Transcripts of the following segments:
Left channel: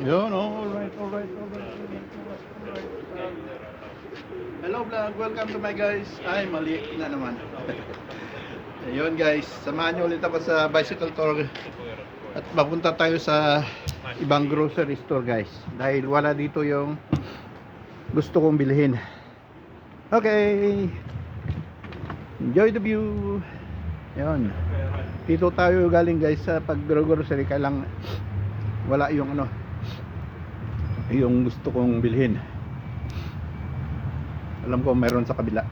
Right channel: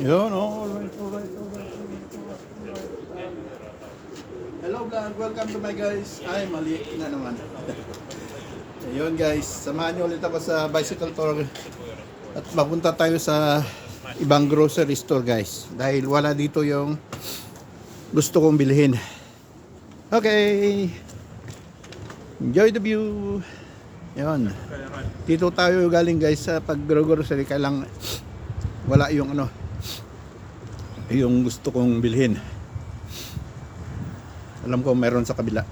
Yun, oh, alright. Hello vlog, welcome to my guys. Ay, mali na naman. Ayun guys, samahan niyo ulit ako sa bicycle tour. At mapunta tayo sa ibang grocery store guys. Dahil wala dito yung gusto kong bilhin. Okay. Enjoy the view. Ayun. Dito tayo galing guys sa pag-grocery. Kailang wala yung yung gusto kong bilhin. Alam ko meron sa kabila.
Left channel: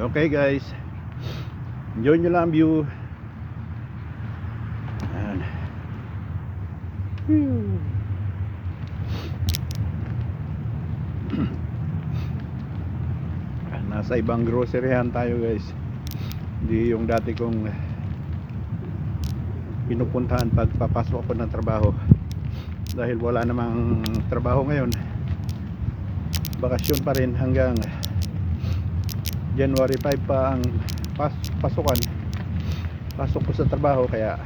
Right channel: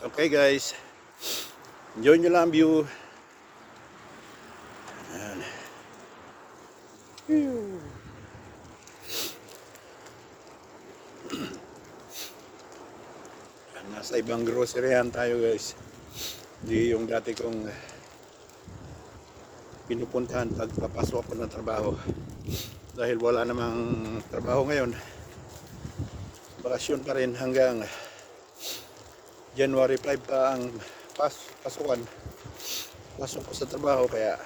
Okay guys, enjoy nyo lang ang view. Ayan. Nasa ibang groceryan tayo guys. Hindi yung dati kong pinupuntahan pag papasok ako ng trabaho. Dahil wala namang trabaho ngayon. Bakasyon pa rin hanggang January 5 pa ang pasukan. Pasok ko sa trabaho kaya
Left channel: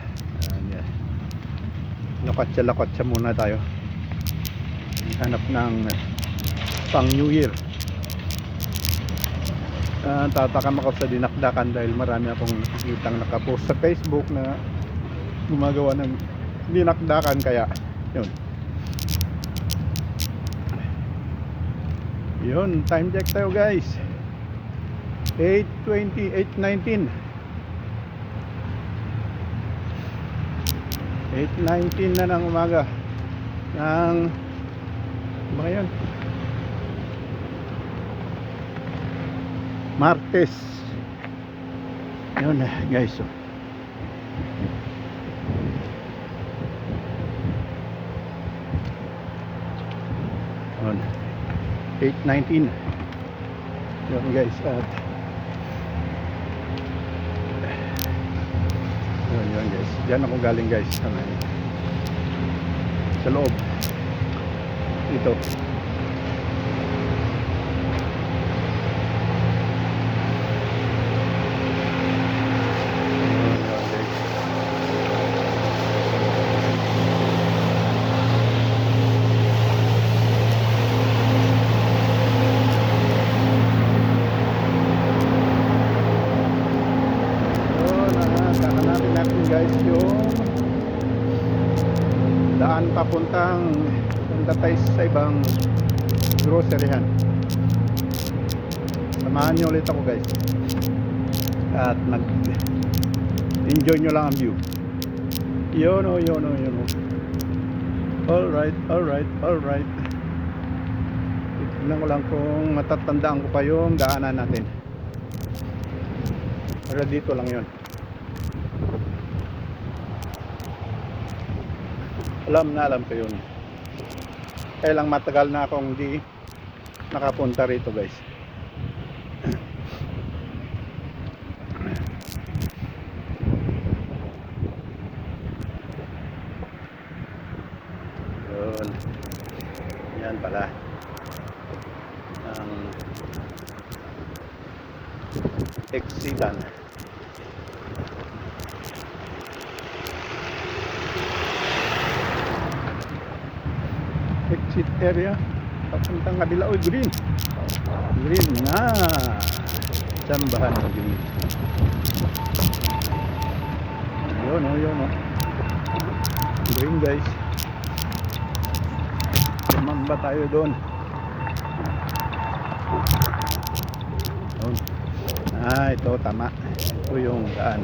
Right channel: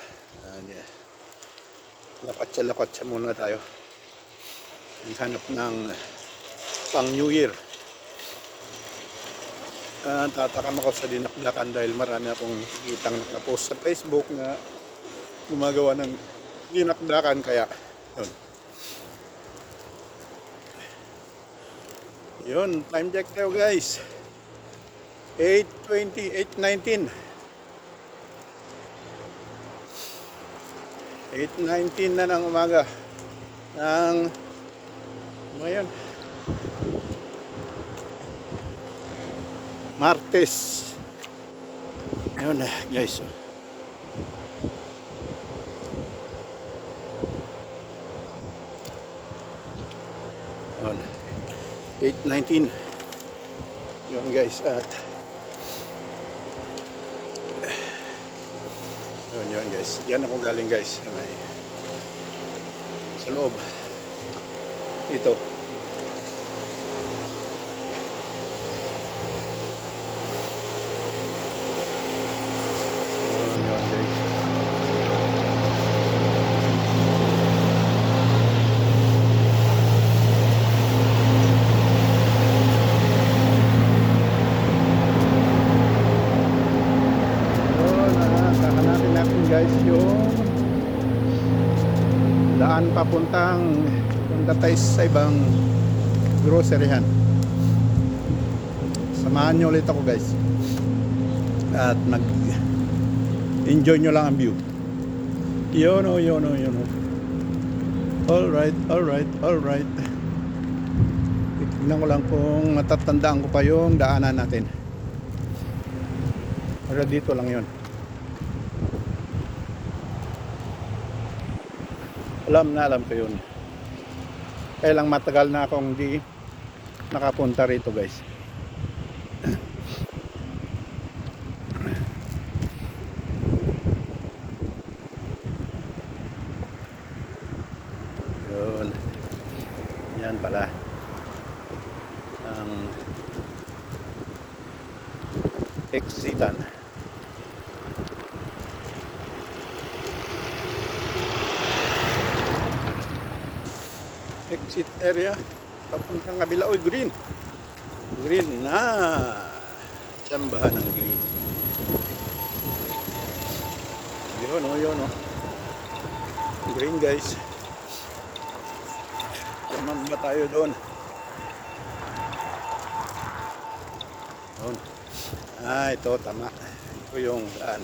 lakotsa muna tayo. Hanap ng pang New Year. Tatakam ako sa dinakdakan dahil marami akong kitang nakapost sa Facebook na gumagawa ng dinakdakan kaya yun, time check tayo guys. 8:20, 8:19 na ng umaga ng yan Martes. Yun guys, yun 8:19 yun guys. At yun guys, diyan ako galing guys sa loob ito. Hanapin natin guys yung daan papunta tayo sa ibang groceryhan. Samahan nyo ulit ako guys at enjoy nyo lang ang view. Yun o. Alright. Tignan ko lang kung matatandaan ko pa yung daanan natin. Pero dito lang yun. Alam ko yun. Kaya lang matagal na akong hindi nakapunta rito guys. Yun. Yan pala ang exitan. Exit area papuntang kabila. Oy, green na tsambahan ng green. Yun green guys. Tumamba tayo doon. Ito tama. Ito yung daan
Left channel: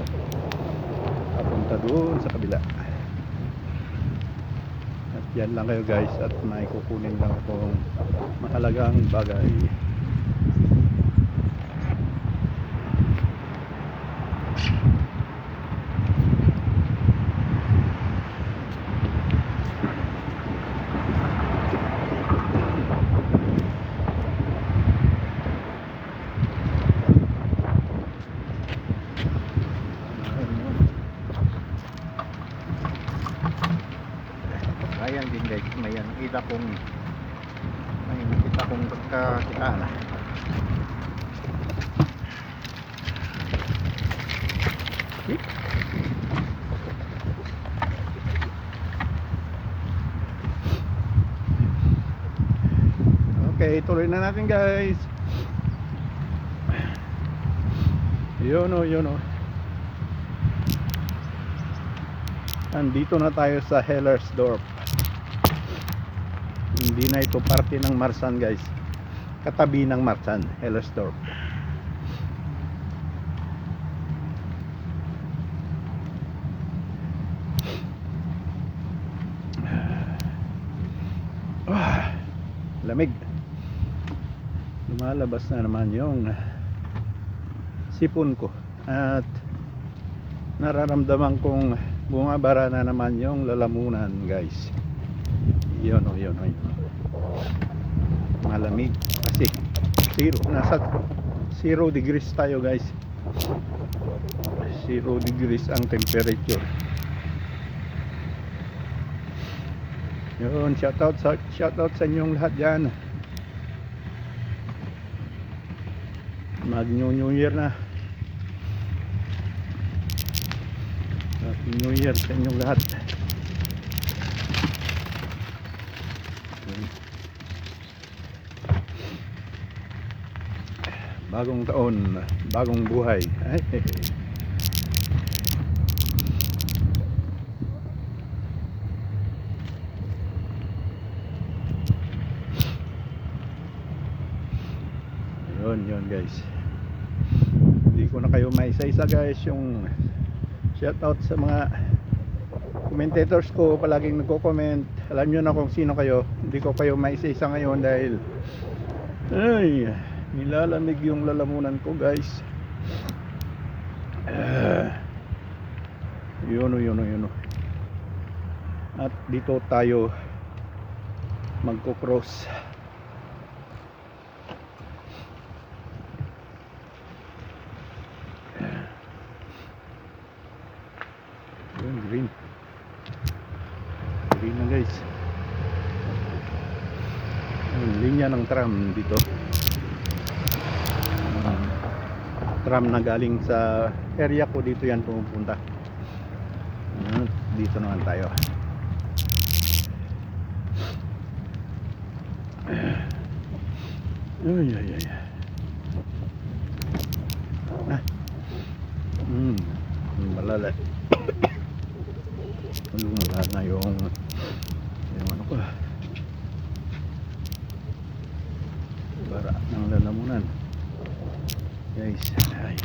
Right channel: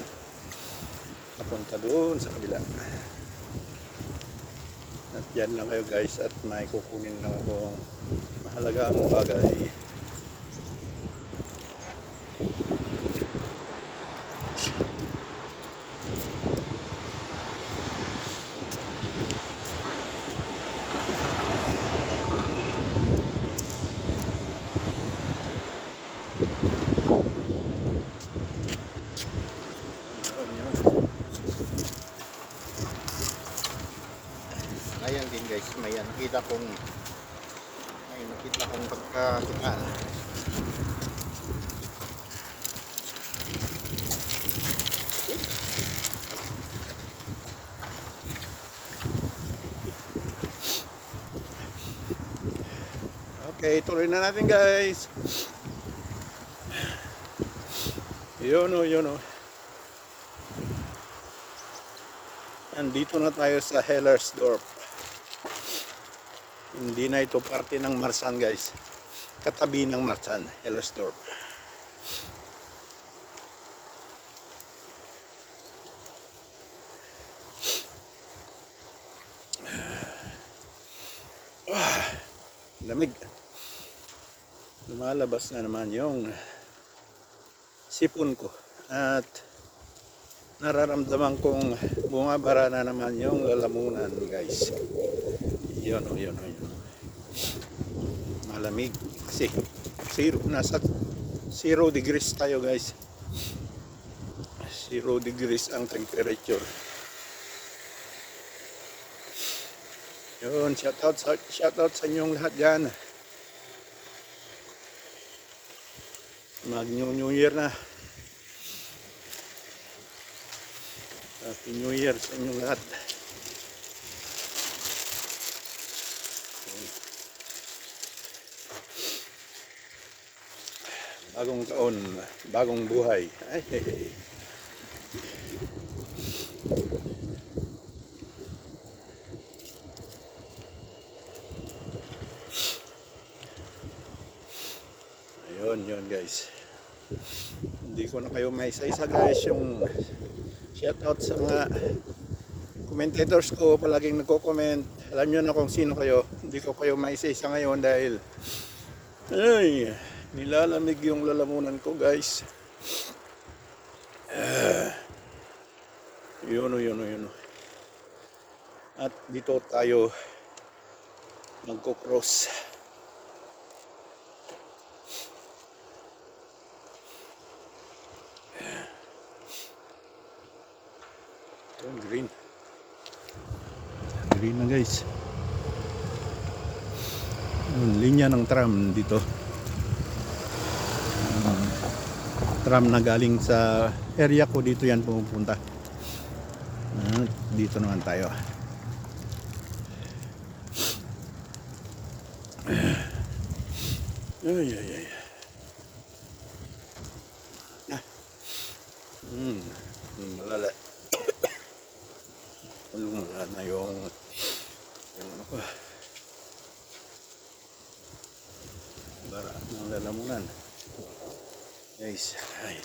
papunta doon sa kabila. At yan lang kayo guys at may kukunin lang akong mahalagang bagay. Ayan din guys, may nakita kong pagkakitaan. Okay, tuloy na natin guys. Yun o, yun o. Andito na tayo sa Hellersdorf. Hindi na ito parte ng Marsan guys. Katabi ng Marsan, Hellersdorf. Lamig. Lumalabas na naman yung sipon ko at nararamdaman kong bumabara na naman yung lalamunan guys. Yun o, yun o, yun. Malamig kasi nasa 0 degrees tayo guys. 0 degrees ang temperature. Yun, shoutout sa inyong lahat dyan. Mag New Year na. Happy New Year sa inyong lahat. Bagong taon, bagong buhay. Yun guys. Hindi ko na kayo maisa-isa guys. Yung shoutout sa mga commentators ko palaging nagko-comment. Alam nyo na kung sino kayo. Hindi ko kayo maisa-isa ngayon dahil nilalamig yung lalamunan ko guys. Yun. At dito tayo magko-cross. Yun, green na guys. Yung linya ng tram dito. Tram na galing sa area ko, dito yan pumupunta. Dito naman tayo. Ay. Malala. Malala na yung ano ko. Bara ng lalamunan. Guys, ay.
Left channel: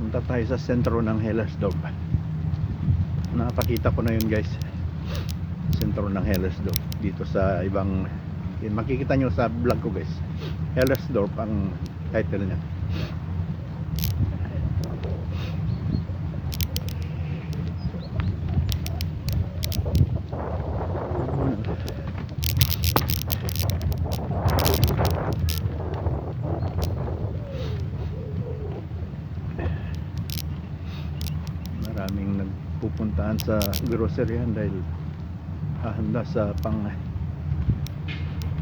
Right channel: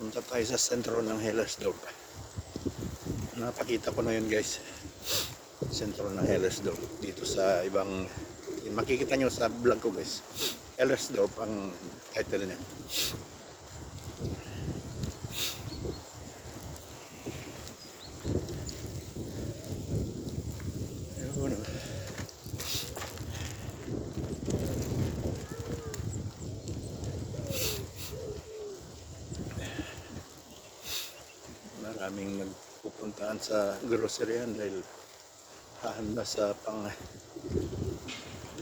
Punta tayo sa sentro ng Hellersdorf. Napakita ko na yun guys. Sentro ng Hellersdorf. Dito sa ibang, makikita nyo sa vlog ko guys. Hellersdorf ang title niya. Maraming nagpupuntahan sa groceryan dahil hahanda sa pang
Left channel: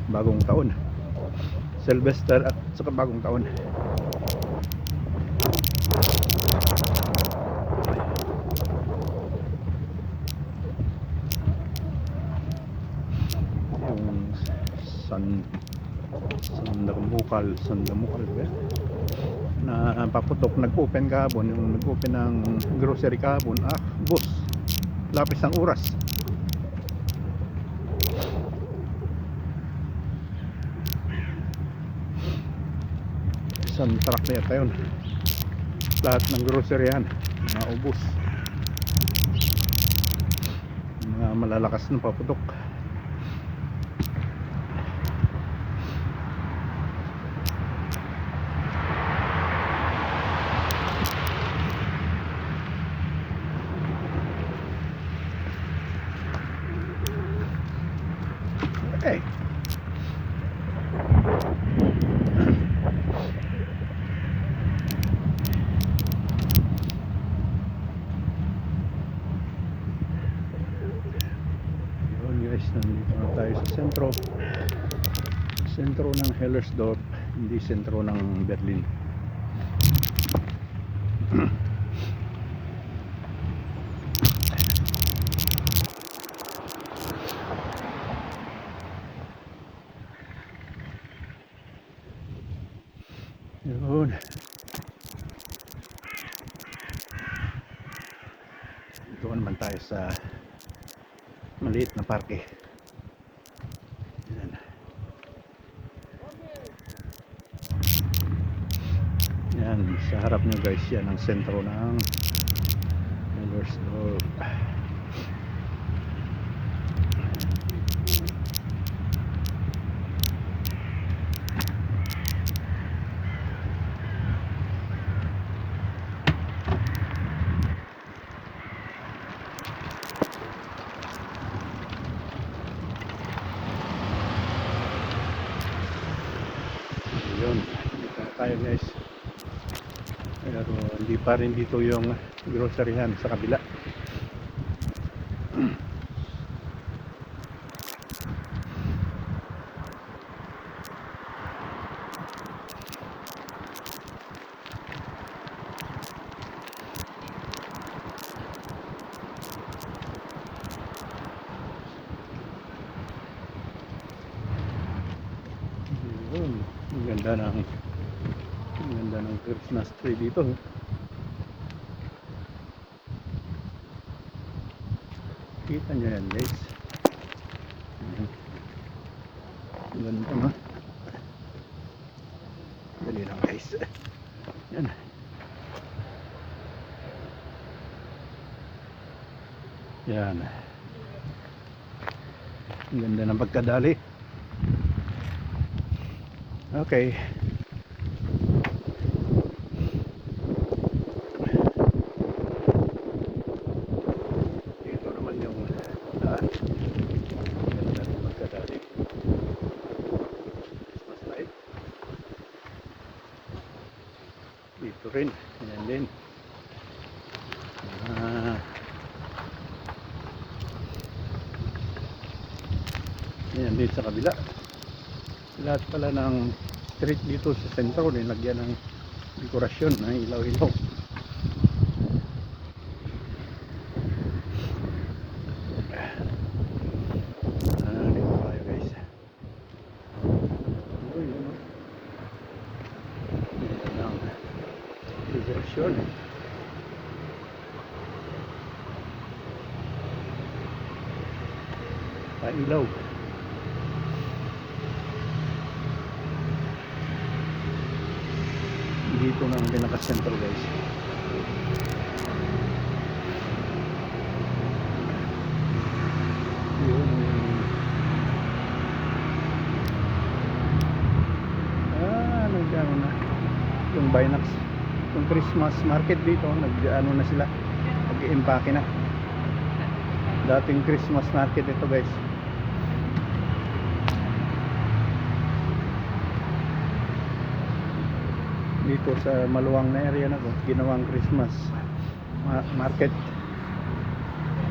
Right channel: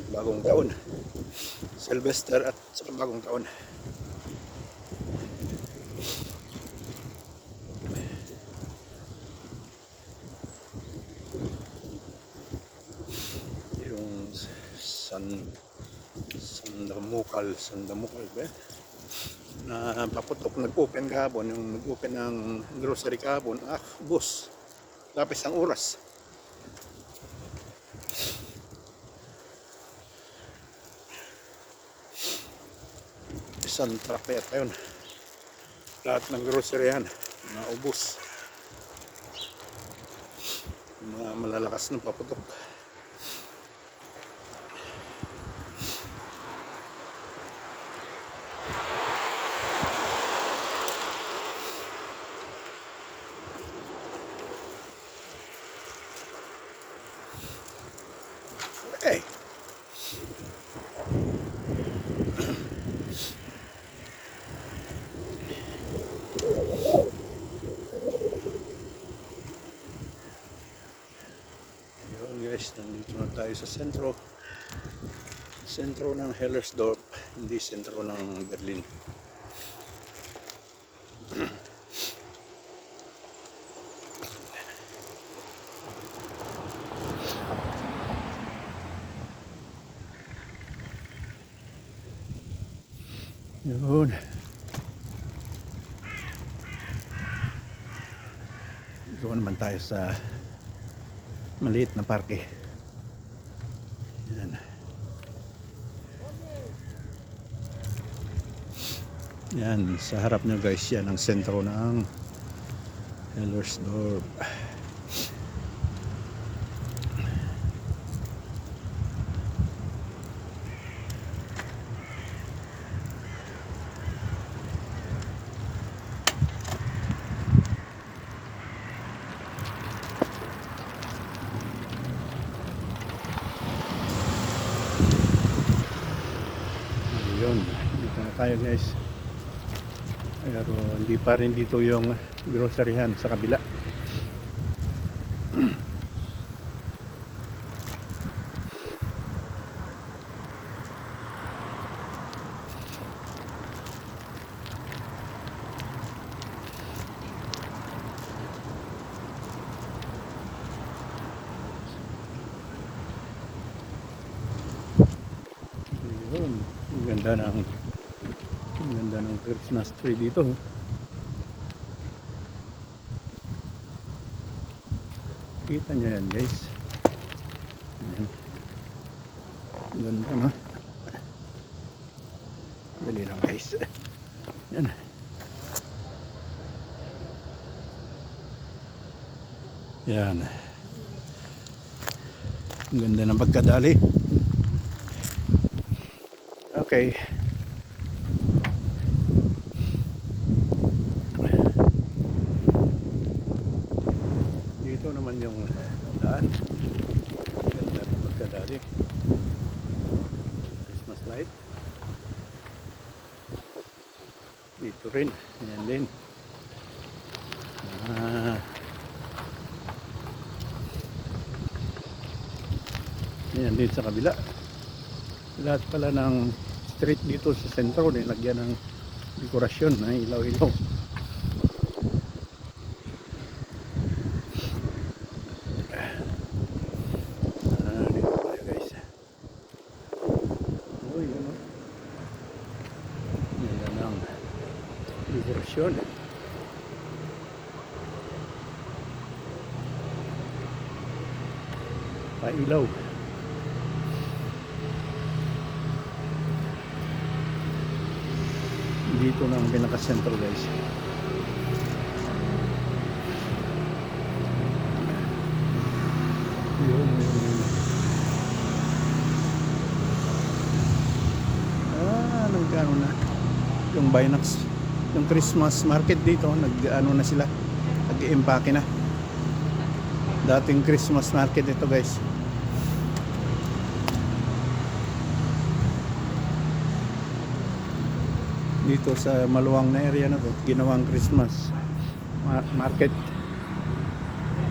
bagong taon, Sylvester at saka bagong taon. Yung Sandamukal ba? Na paputok, nag-open kahapon, yung nag-open ng grocery kahapon, boss, lapis ang oras. Isang truck yata yun, lahat ng grocery yan naubos, mga malalakas ng paputok. Okay. Yun guys, nandito na tayo sa sentro ng Hellersdorf, hindi sentro ng Berlin. Yun. Doon naman tayo sa maliit na parke. Yan. Yan, sa harap nyo guys, yan ang sentro ng Hellersdorf. Yun, dito na tayo guys. Pero hindi pa rin dito yung groceryhan sa kabila. Yun, ang ganda ng Christmas tree dito. Kita nyo yan guys. Ganda no. Dali lang guys. Yan. Yan. Ang ganda ng pagkadali. Okay. Dito naman yung ganda ng pagkadali. Christmas light. Dito rin. Ayan din. Ayan din sa kabila. Lahat pala ng street dito sa sentro nilagyan ng dekorasyon na ilaw-ilaw. Dito tayo guys. Uy, yun o. Nilagyan ng dekorasyon. Ilaw. Dito na ang pinaka-center guys. Yun. Nag-ano na yung Binax, yung Christmas market dito, nag-ano na sila, nag-i-impake na. Dating Christmas market ito guys. Dito sa maluwang na area na to, ginawang Christmas market.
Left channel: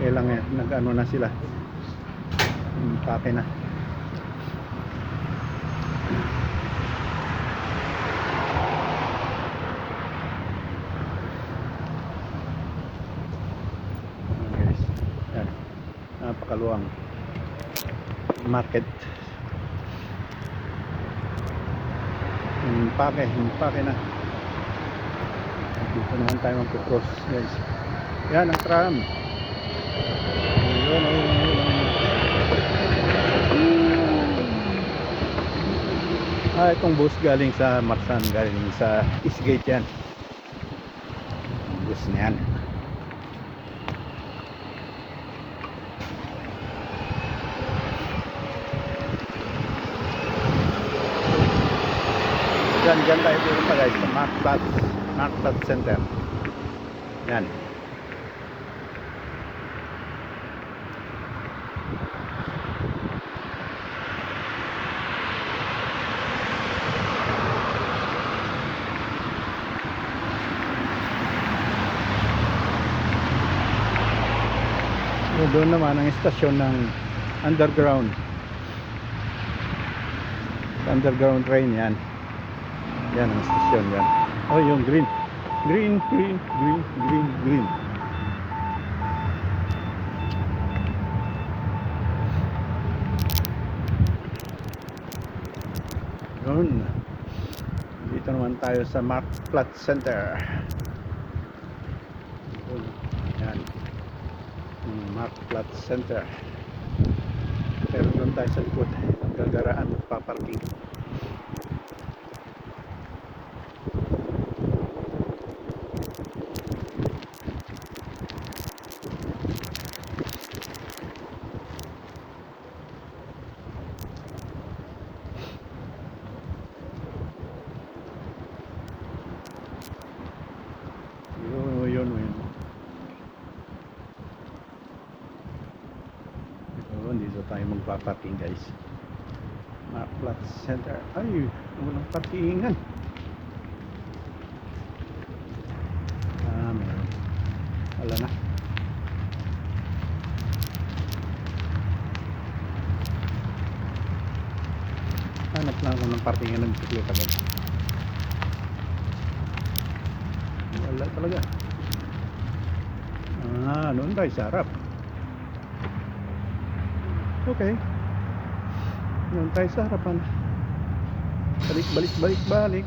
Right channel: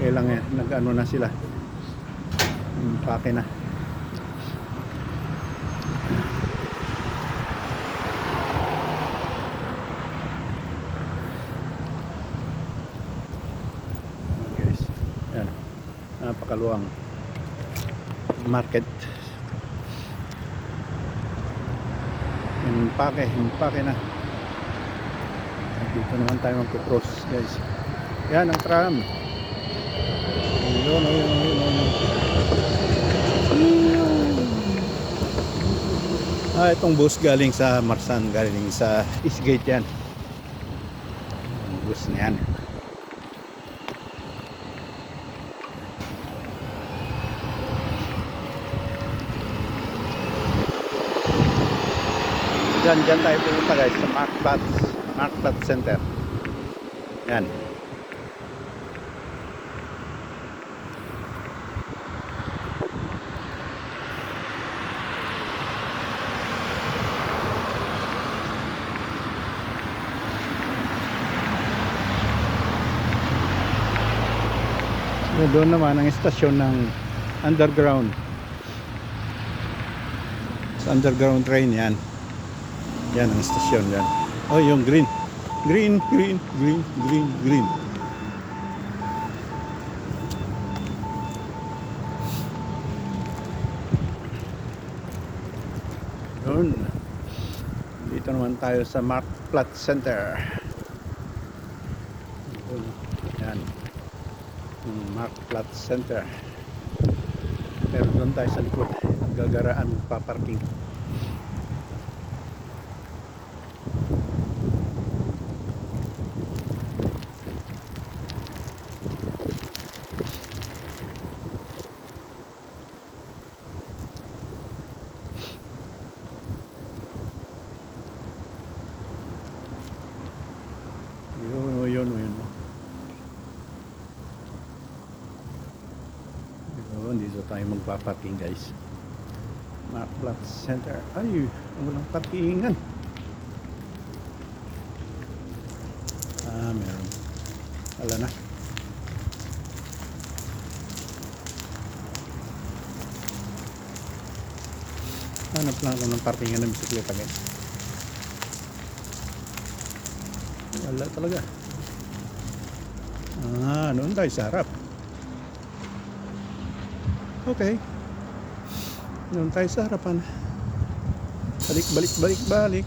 Kaya lang nag-ano na sila, impake na. Guys, yan, napakaluwang market. Impake na. Dito naman tayo magpo-cross guys. Yan ang tram. Ayun. Itong bus galing sa Marsan, galing sa Eastgate yan. Yung bus na yan. Diyan tayo pupunta guys sa Marktplatz Center. Yan. Doon naman ang istasyon ng underground. Sa underground train yan. Yan ang istasyon yan. Oh, yung green. Green. Yun. Dito naman tayo sa Mark Platt Center. Yan. Yung Mark Platt Center. Pero doon tayo sa likod. Ang gagaraan magpaparking. Yun. Dito tayo magpaparking guys. Mark Platt Center. Ay, walang parkingan. Meron. Wala na. Hanap lang ako ng parkingan ng bisikleta guys. Wala talaga. Noon tayo sa harap. Okay. Noon tayo sa harapan. Balik.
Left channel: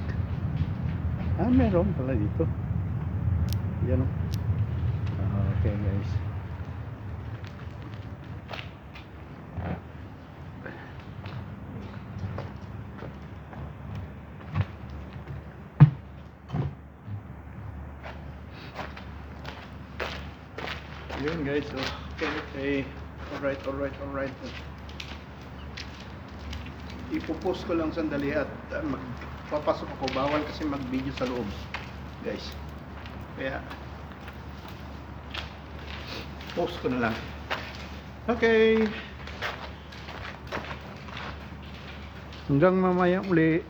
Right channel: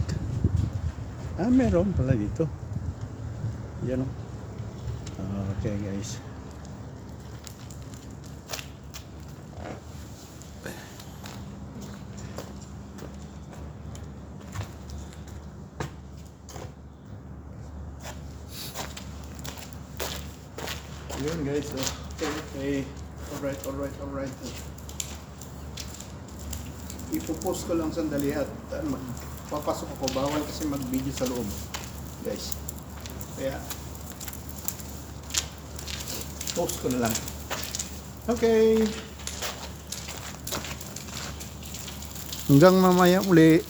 Meron pala dito. Yan o. Okay guys. Yun guys, okay. Alright. Ipopost ko lang sandali at magpapasok ako. Bawal kasi mag-video sa loob guys. Kaya post ko na lang. Okay. Hanggang mamaya uli.